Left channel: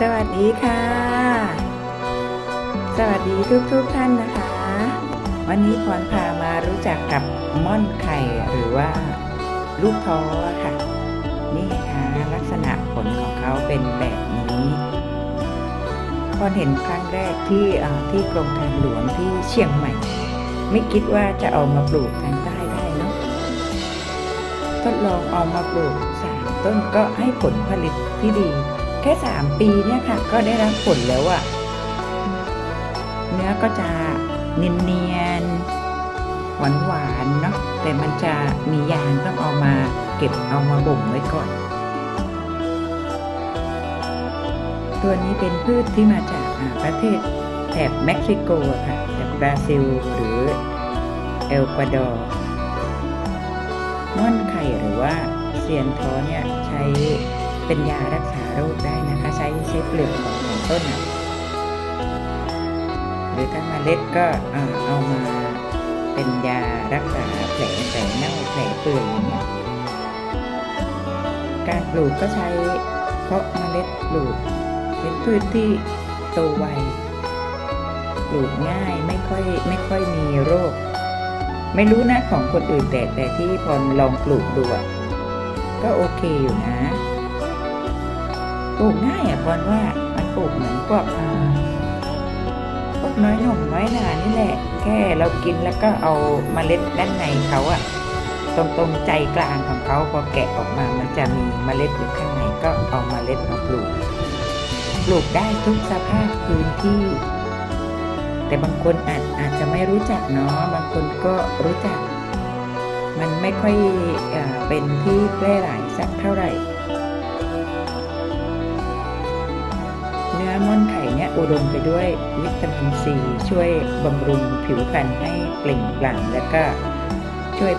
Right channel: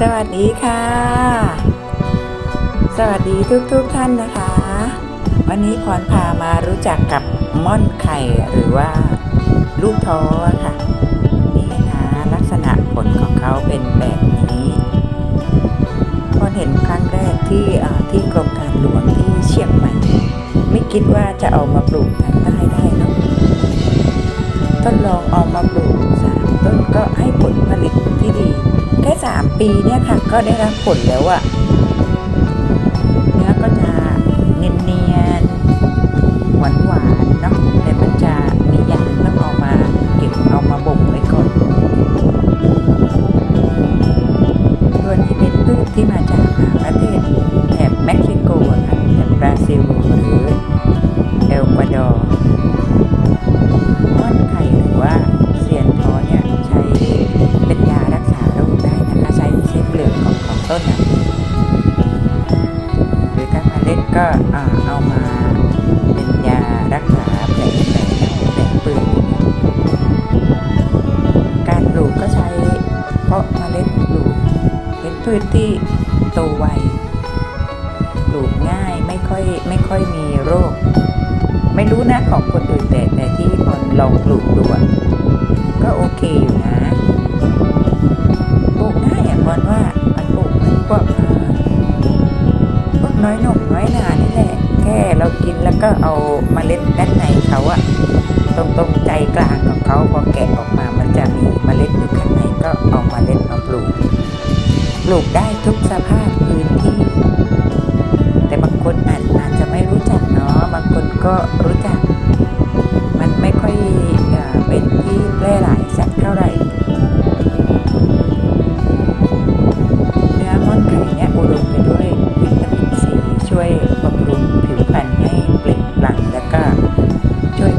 สวัสดีค่ะ สวัสดีทุกๆทท่านนะคะ วันนี้พรพามารู้จักกับม่อนไข่หรือว่าลูกท้อค่ะ นี่นะคะลักษณะผลของเขาเป็นแบบนี้พรเห็นครั้งแรกที่ที่กรมทางหลวงที่เชียงใหม่ ไม่คิดว่าจะเอามาปลูกทางใต้ได้เนอะทดลองเอามาปลูกสามต้นก็ให้ผลผลิตที่ดี แค่สามปีเนี่ยค่ะ ก็ได้รับผลแล้วอะเนื้อก็จะเนียนๆหวานหวานๆเนาะแต่มันจะมียางต้องเอามาเก็บเอามาบ่มไว้ก่อน ตัวนี้เป็นพืชที่มาจากประเทศแถบเม็กซิโกค่ะจากบราซิลหรือเอลกวาดอร์ม่อนไข่หรือว่าเซียนท้อเนี่ย ต้น หรือถ้าเมล็ดก็เอามาเป็นยารักษาแผลแผลเน่าแผลเปื่อยการปลูกก็ใช้เพราะเมล็ดปลูกเป็นพืชที่โตไวปลูกง่ายไม่ค่อยไม่ค่อยมีโรค ไม่รู้นะของคนอื่นแต่แต่ที่พอลองปลูกดูอะก็โอเคอยู่นะปลูกง่ายอะพอนว่า วกอ่าพวกน้อยหนุ่มน้อยหนานี่แหละ แค่เรากินแล้วก็เอาเมล็ดด้านในเขาอะตรงตรงใจกลางของเขาพอแกะออกมามันจะมีเมล็ดอยู่ข้างในก็เอาเมล็ดมาปลูก ปลูกได้ทุกสภาพพื้นที่ แต่บางคนอาจอาจจะไม่รู้จักเนาะบางคนก็รู้จัก มันไม่ค่อยอเป็นที่แพร่หลายสักเท่าไหร่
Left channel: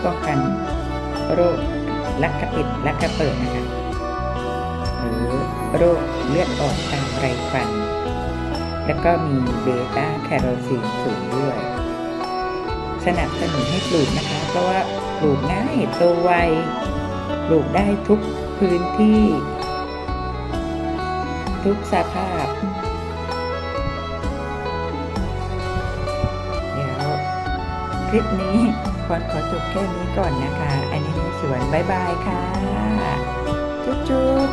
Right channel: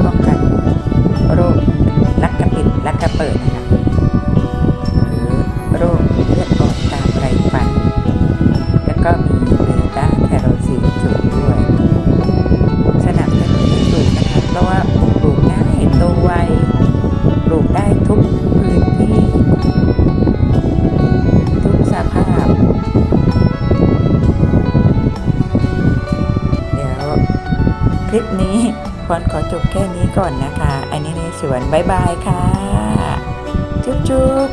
ป้องกันโรคลักกระปิดลักกระเปิดนะคะหรือโรคเลือดออกตามไรฟัน แล้วก็มีเบต้าแคโรทีนสูงด้วย สนับสนุนให้ปลูกนะคะเพราะว่าปลูกง่ายโตไวปลูกได้ทุกพื้นที่ ทุกสภาพเดี๋ยวคลิปนี้ พรขอจบแค่นี้ก่อนนะคะ อันนี้ในสวนบายบายค่ะ จุ๊บจุ๊บ